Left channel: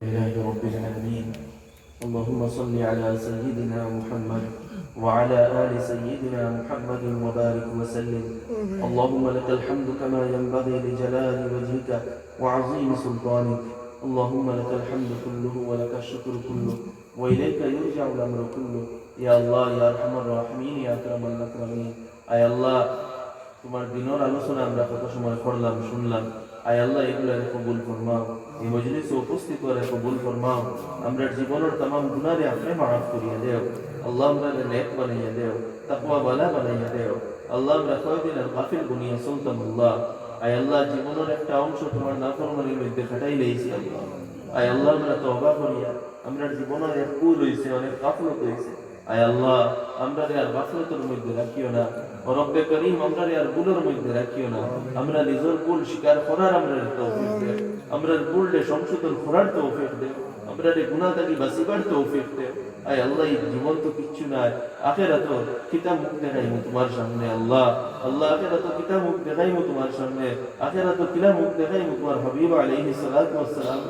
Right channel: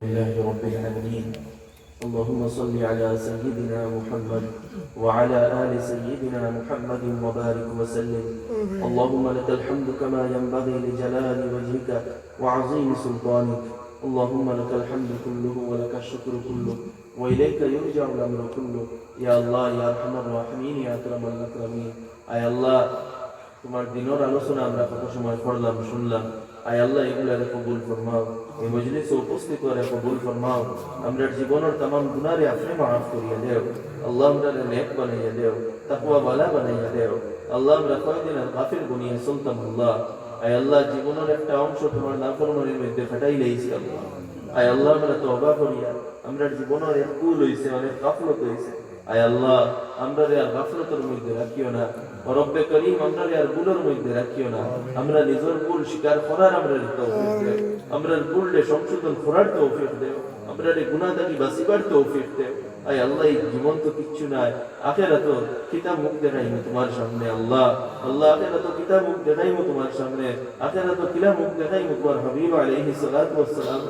لله رب العالمين. اللهم صل على سيدنا محمد وعلى آل سيدنا محمد وبارك وسلم. اللهم لك الحمد كما ينبغي لجلال وجهك وعظيم سلطانك. اللهم لك الحمد كله ولك الشكر كله وإليك يرجع الأمر كله. يا الله يا أرحم الراحمين يا أكرم الأكرمين. আয় আল্লাহ, তোমার দিনের আলোচনা আমরা কত সময় পড়লাম শুনলাম। আয় আল্লাহ, এগুলারে কবুল ফরমাও, এই মজলিসে উপস্থিত করে কবুল ফরমাও। আমরা জীবনের तमाम গুনাহরে আপনি মাফ করিয়ে দেও। আল্লাহ আমরা নেক বানাইয়া দেও, তাকওয়া ওয়ালা বানাইয়া দেও। আল্লাহ আমরা কয়দিনের গাফিল গুনিয়া সুলতানুল্লাহ। আয় আল্লাহ, জীবনের একটা অংশ তোমার নাফরমানির মধ্যে ফাটাই লাইছি আল্লাহ। আয় আল্লাহ, আমরা তওবা করিয়া আমরা জীবনের এক ভুল হইছে, অনেক গাফলত হইছে। আয় আল্লাহ, আমরা আর গাফলতের মধ্যে রাখিও না। ও রব্বে করিম, আমরা আর ভুলের মধ্যে রাখিও না। আমরা নিজের ভুল স্বীকার করার আমরা তৌফিক দেও। আমরা ভুললে সংশোধন করার তৌফিক দেও। আমরা গুনাহ থেকে বাঁচিবার তৌফিক দেও। আয় আল্লাহ, এই জীবন তো কিচ্ছু নাই, আখিরাত কিতাব মুখ দেখাইমু তোমার সামনে। আল্লাহ আল্লাহ, আখিরাত কিতাব মুখ দেখাইমু তোমার সামনে। আখিরাত কিতাব মুখ দেখাইমু তোমার হাবিব আলাইহিস সালাতু ওয়াস সালাম।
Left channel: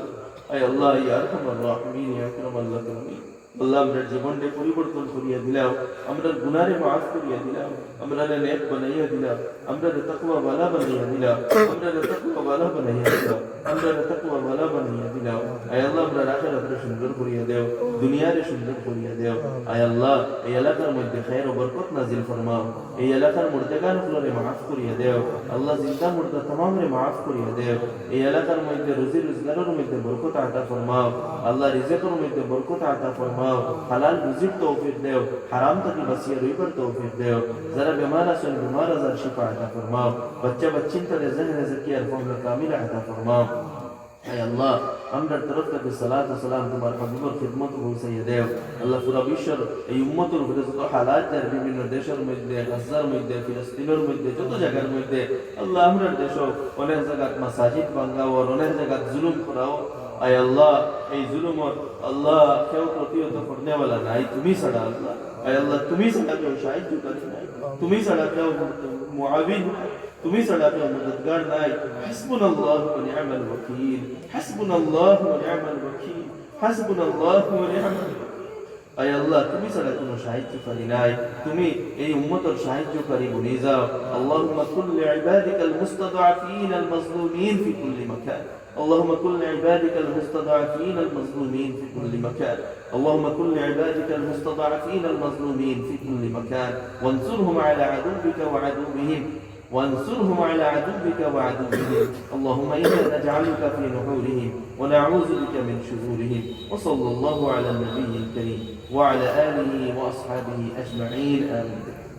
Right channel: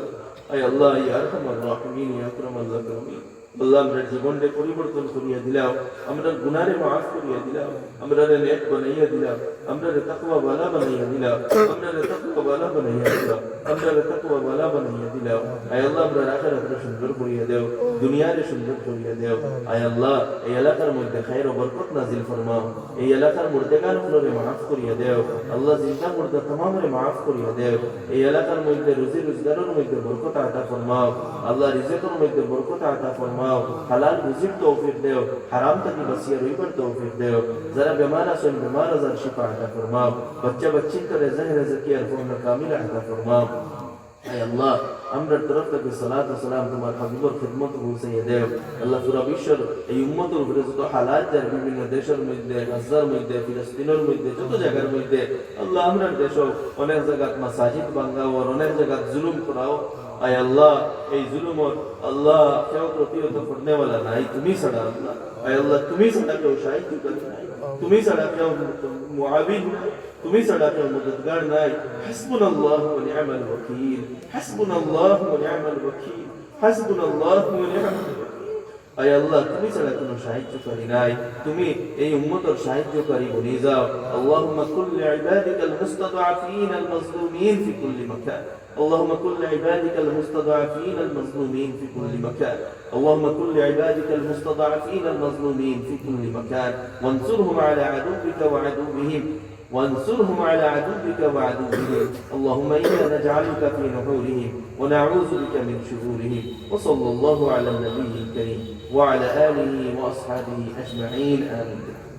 আয় আল্লাহ ইয়া আরহামার রাহিমিন ইয়া আকরামাল আকরামিন। আল্লাহ, আমরা জীবনকে পরিবর্তন করিয়া দিলাম, আমরা গুনাহরে মাফ করিয়া দিলাম, আমরা নেক বানাইয়া দিলাম, আমরা তাকওয়া ওয়ালা বানাইয়া দিলাম, আমরা তাকওয়া ওয়ালা বানাইয়া দিলাম, আমরা তাকওয়া ওয়ালা বানাইয়া দিলাম। আয় আল্লাহ, আমরা আখিরাতকে সুন্দর করিয়া দেও, দুনিয়ারে সুন্দর করিয়া দেও। আয় আল্লাহ, এই এলাকার মধ্যে খায়ের ও বরকত নাজিল ফরমাও। এই এলাকার মুর্দেগানগুলোরে মাফ করিয়া দেও। আল্লাহ, জিন্দা মুর্দা তামামরে মাফ করিয়া দেও। এই এলাকার মধ্যে রুজি রোজগারের মধ্যে বরকত আতা ফরমাও। আল্লাহ, রিজিকের মধ্যে বরকত আতা ফরমাও। হালাল রুজির তৌফিক দেও, হারাম থেকে বাঁচিয়ে রইবার তৌফিক দেও। যারা বেমার আছেন, বেমার আজার শিফা আতা ফরমাও। বাচ্চা বাচ্চিন তারে জাহের জাকিয়ার ফরমা কামিল আতা ফরমাও। আয় আল্লাহ, আমরা তরফ থেকে সালাত ও সালাম তোমার হাবিবের খিদমত পৌঁছাইয়া দেও। আল্লাহ, পুরা বিশ্বের এই উম্মতের উপরে যত হালাত যার বিভিন্ন দেশের মধ্যে, গাজার মধ্যে, ফিলিস্তিনের মধ্যে, যত জায়গার মধ্যে, আল্লাহ আমরা দেশ অনেক জায়গাত মাসাজিদ ভাঙ্গাও, অনেক জায়গাত জুলুম করাও। আয় আল্লাহ, এই জুলুমত আল্লাহ কেউ প্রতিহত করনেওয়ালা নাই, তুমি ছাড়া আল্লাহ। আয় আল্লাহ, তুমি ছাড়া কেউ সাহায্যকারী নাই, তুমি ছাড়া কেউ মুআবিন নাই, তুমি ছাড়া কেউ মদদগার নাই। হাসবুনাল্লাহু ওয়া নি'মাল ওয়াকিল, হাসবুনাল্লাহু ওয়া নি'মাল ওয়াকিল, হাসবুনাল্লাহু ওয়া নি'মাল ওয়াকিল। আয় আল্লাহ, তুমি ছাড়া কোনো সাহায্যকারী নাই, তুমি এই উম্মতের সাহায্যকারী বনে যাও। আল্লাহুম্মা কুল লিইবাদিকাল মুস্তাদআফিন আল মাজলুমিন ফি কুল্লি মাকান। اللهم كن لعبادك المستضعفين المظلومين في كل مكان. اللهم كن لعبادك المستضعفين المظلومين في كل مكان، وانصرهم على عدوك وعدوهم، وانصرهم على عدوك وعدوهم. اللهم إنا نجعلك في نحورهم ونعوذ بك من شرورهم. وصلى الله على النبي الكريم وعلى آله وأصحابه أجمعين. آمين.